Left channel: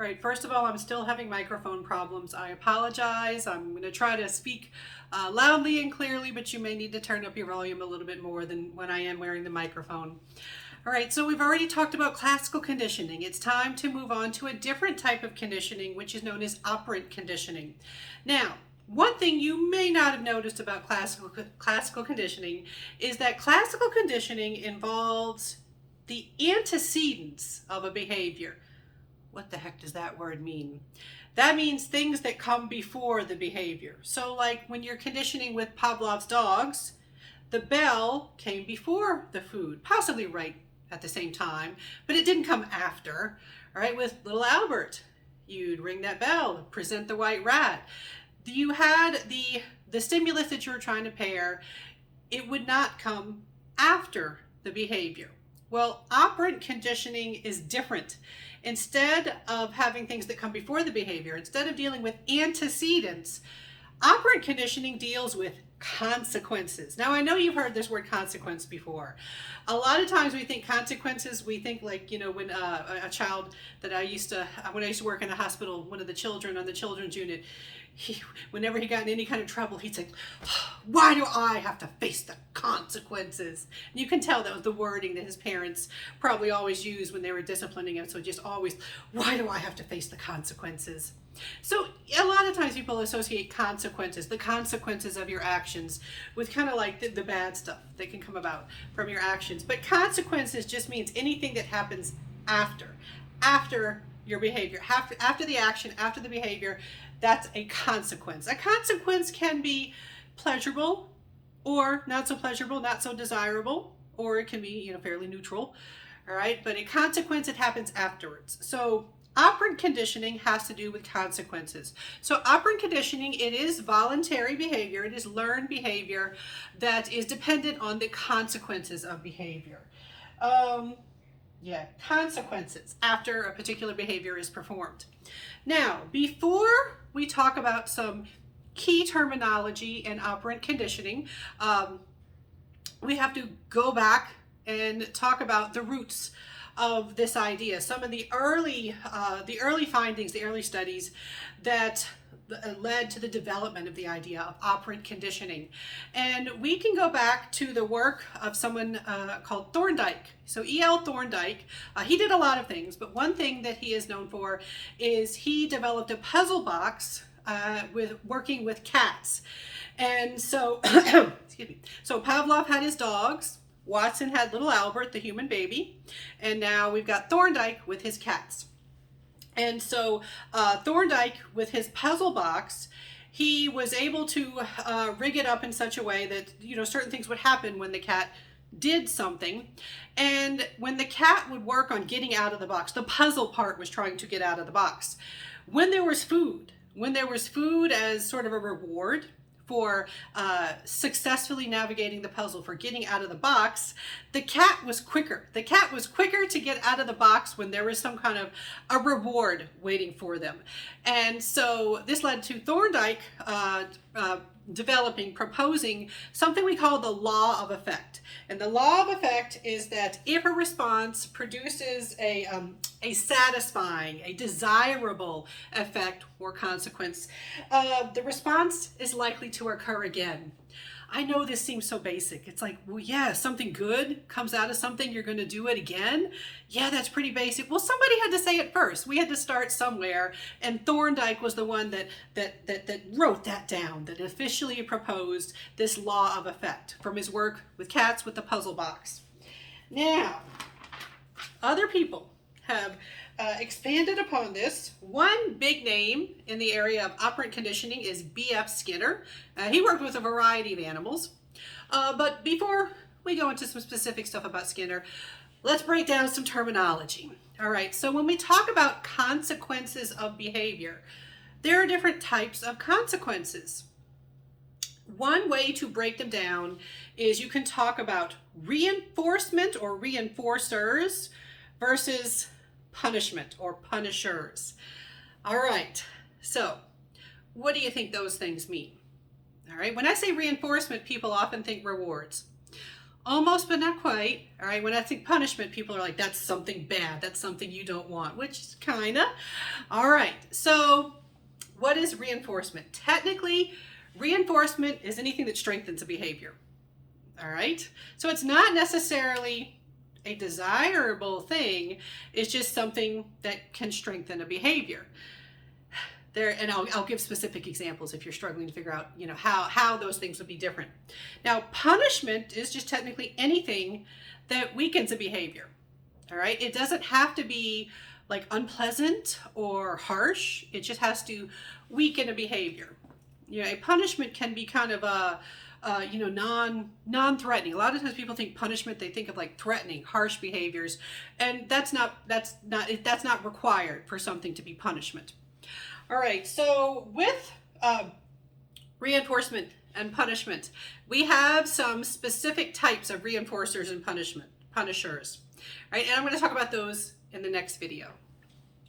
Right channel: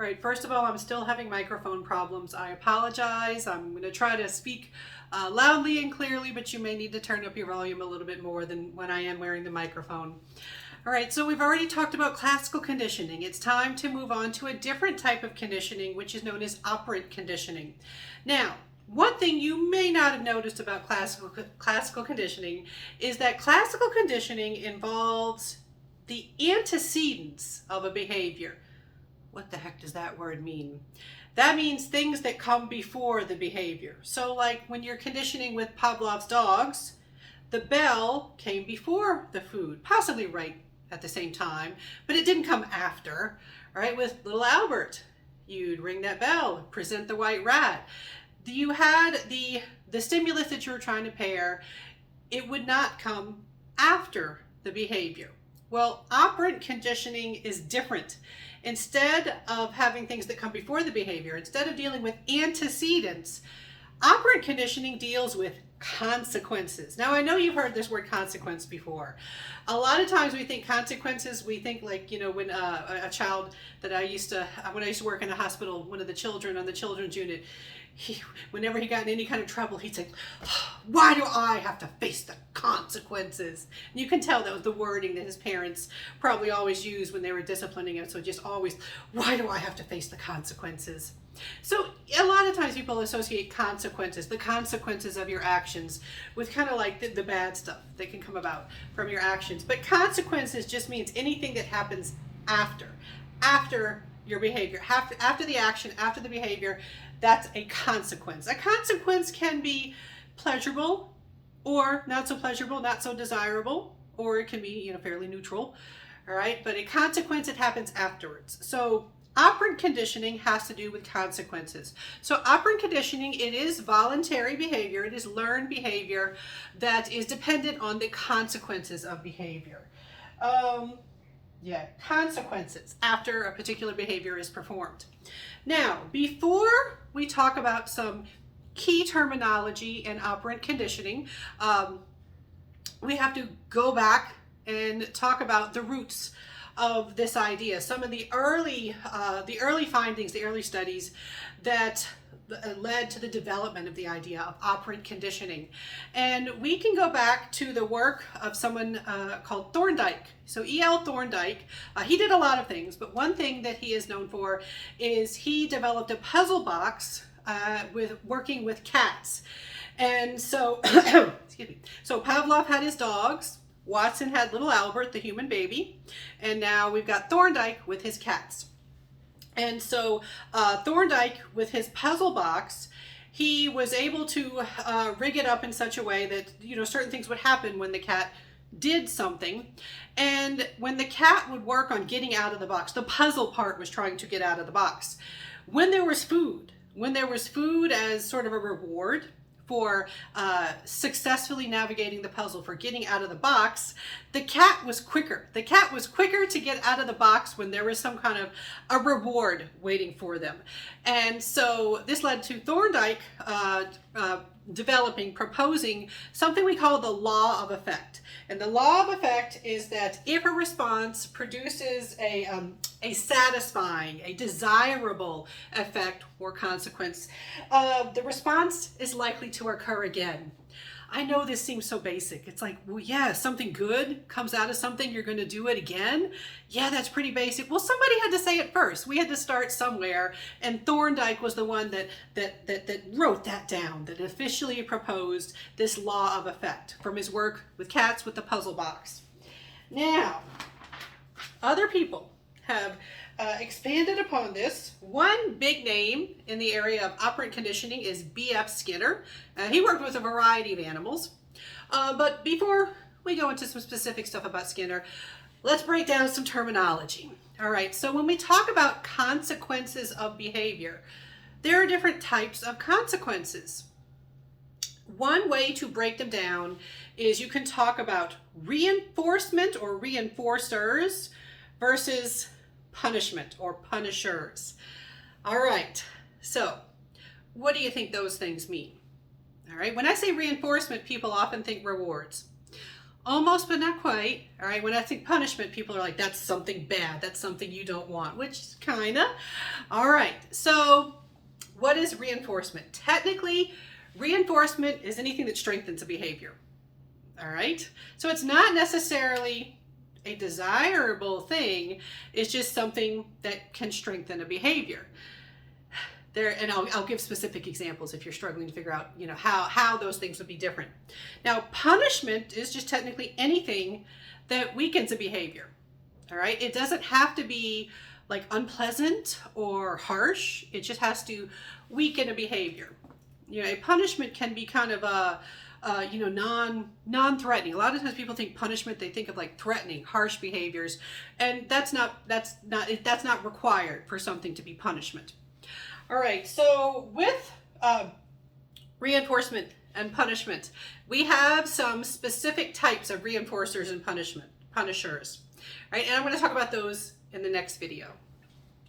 All right, first of all, I'm still having microphone problems. I apologize. I'm going to try to speak loudly and clearly, but you may need to turn up your volume a little bit more than when I am wearing the microphone. All right, so we've already talked about classical conditioning. It's time to move on to a different type of conditioning, which is known as operant conditioning. Now, one thing you may not have noticed about classical conditioning is that classical conditioning involves the antecedents of a behavior. What the heck does that word mean? That means things that come before the behavior. So like when you're conditioning with Pavlov's dogs, the bell came before the food, possibly right at the same time, but it didn't come after. All right, with little Albert, you'd ring that bell, present the white rat. You had the stimulus that you were trying to pair, it would not come after the behavior. Well, operant conditioning is different. Instead of having things that come before the behavior, instead of dealing with antecedents, operant conditioning deals with consequences. Now, I know you've heard this word consequence before. A lot of times we think consequences, we think like, when a child that when I used to work in a hospital, one of the children on the children's unit, whenever he got in any kind of trouble, he'd say, "Why do I have to face the consequences?" And you can tell that was the wording that his parents probably always used when they were disciplining him. So just always, "Why do I have to face the consequences?" So a lot of times people associate consequences, the consequences of your actions, with kind of like the bad stuff that can come about from your actions. But consequences just means anything that happens after your behavior, after the action, after the behavior. That's a consequence. A consequence can be pleasurable or not so pleasurable, not so desirable, or it can be, fairly neutral. All right, but a consequence, it happens afterwards. So operant conditioning has to do with consequences. So operant conditioning, it is voluntary behavior. It is learned behavior that is dependent on the consequences of behavior. Consequences after a particular behavior is performed. Now, before we talk about some key terminology in operant conditioning, we have to go back and talk about the roots of this idea. Some of the early findings, the early studies that led to the development of the idea of operant conditioning. And we can go back to the work of someone called Thorndike. So E.L. Thorndike, he did a lot of things, but one thing that he is known for is he developed a puzzle box with working with cats. And so, excuse me. So Pavlov had his dogs, Watson had little Albert, the human baby, and now we've got Thorndike with his cats. And so Thorndike, with his puzzle box, he was able to rig it up in such a way that, certain things would happen when the cat did something. And when the cat would work on getting out of the box, the puzzle part was trying to get out of the box. When there was food as sort of a reward for successfully navigating the puzzle, for getting out of the box, the cat was quicker. The cat was quicker to get out of the box when there was some kind of a reward waiting for them. And so this led to Thorndike proposing something we call the law of effect. And the law of effect is that if a response produces a satisfying, a desirable effect or consequence, the response is likely to occur again. I know this seems so basic. It's like, well, yeah, something good comes out of something, you're going to do it again. Yeah, that's pretty basic. Well, somebody had to say it first. We had to start somewhere, and Thorndike was the one that wrote that down, that officially proposed this law of effect from his work with cats with the puzzle box. Now, other people have expanded upon this. One big name in the area of operant conditioning is B.F. Skinner. He worked with a variety of animals. But before we go into some specific stuff about Skinner, let's break down some terminology. All right, so when we talk about consequences of behavior, there are different types of consequences. One way to break them down is you can talk about reinforcement or reinforcers versus punishment or punishers. All right, so what do you think those things mean? All right, when I say reinforcement, people often think rewards. Almost, but not quite. All right, when I think punishment, people are like, that's something bad. That's something you don't want, which kinda. All right, so what is reinforcement? Technically, reinforcement is anything that strengthens a behavior. All right, so it's not necessarily a desirable thing. It's just something that can strengthen a behavior. There, and I'll give specific examples if you're struggling to figure out, how those things would be different. Now, punishment is just technically anything that weakens a behavior. All right, it doesn't have to be like unpleasant or harsh. It just has to weaken a behavior. A punishment can be kind of a non-threatening. A lot of times people think punishment, they think of like threatening, harsh behaviors, and that's not required for something to be punishment. All right, so with reinforcement and punishment, we have some specific types of reinforcers and punishers. All right, and I'm going to talk about those in the next video.